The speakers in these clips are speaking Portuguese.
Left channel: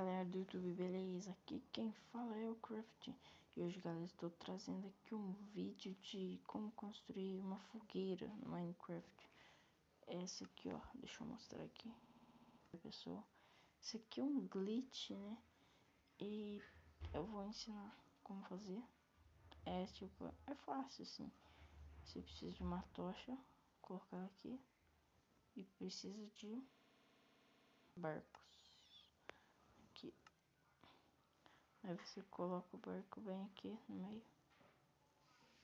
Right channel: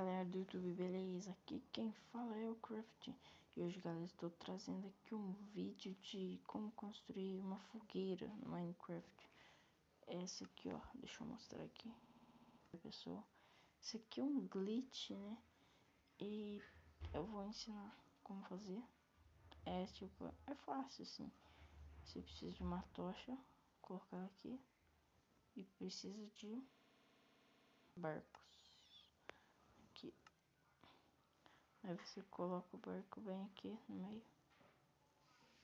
galera do YouTube, beleza? Aqui quem fala é o Craft. E hoje, galera, estou trazendo aqui um vídeo de como construir uma fogueira no Minecraft. Essa aqui, ó, deixa eu mostrar aqui, pessoal. Esse aqui é um glitch, né? E eu vou ensinar como fazer. É fácil, assim. Você precisa de uma tocha, colocar aqui. E precisa de barcos. Aqui. Aí você coloca o barco bem aqui no meio.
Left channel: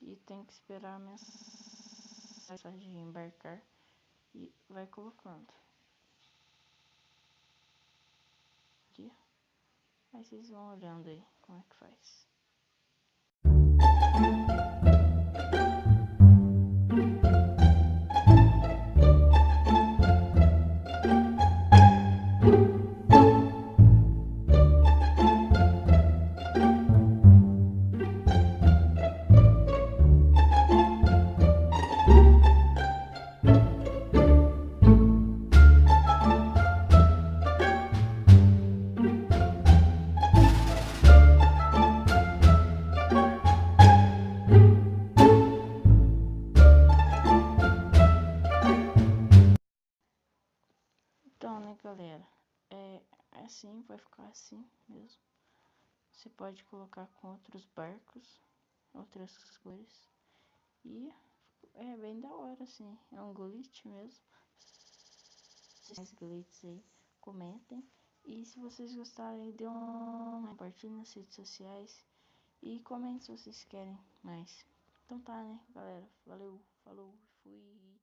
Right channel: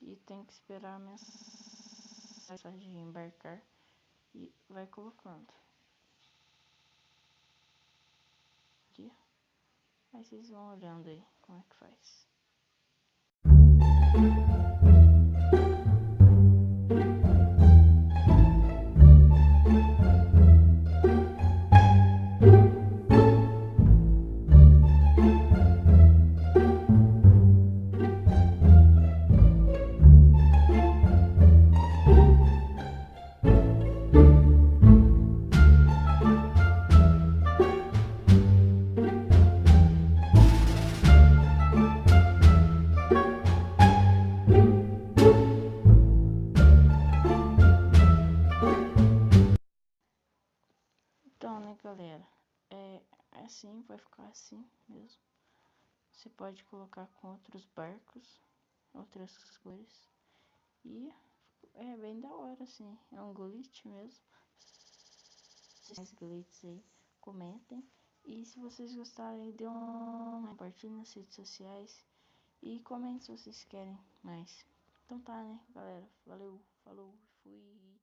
E tem que esperar a mensagem embarcar. E vai colocando. Aqui. Aí vocês vão olhando aí como é que faz. Então, né, galera, é assim, vai ficar assim mesmo. Você pode colocar com outros barcos, outras cores. E é bem da hora, assim. É um glitch mesmo. Se mais glitches aí, comentem. E se vocês gostarem, dê um like, compartilhe nas redes sociais. E comentem se vocês querem mais. Então tá, né, galera? Valeu, falou, fui.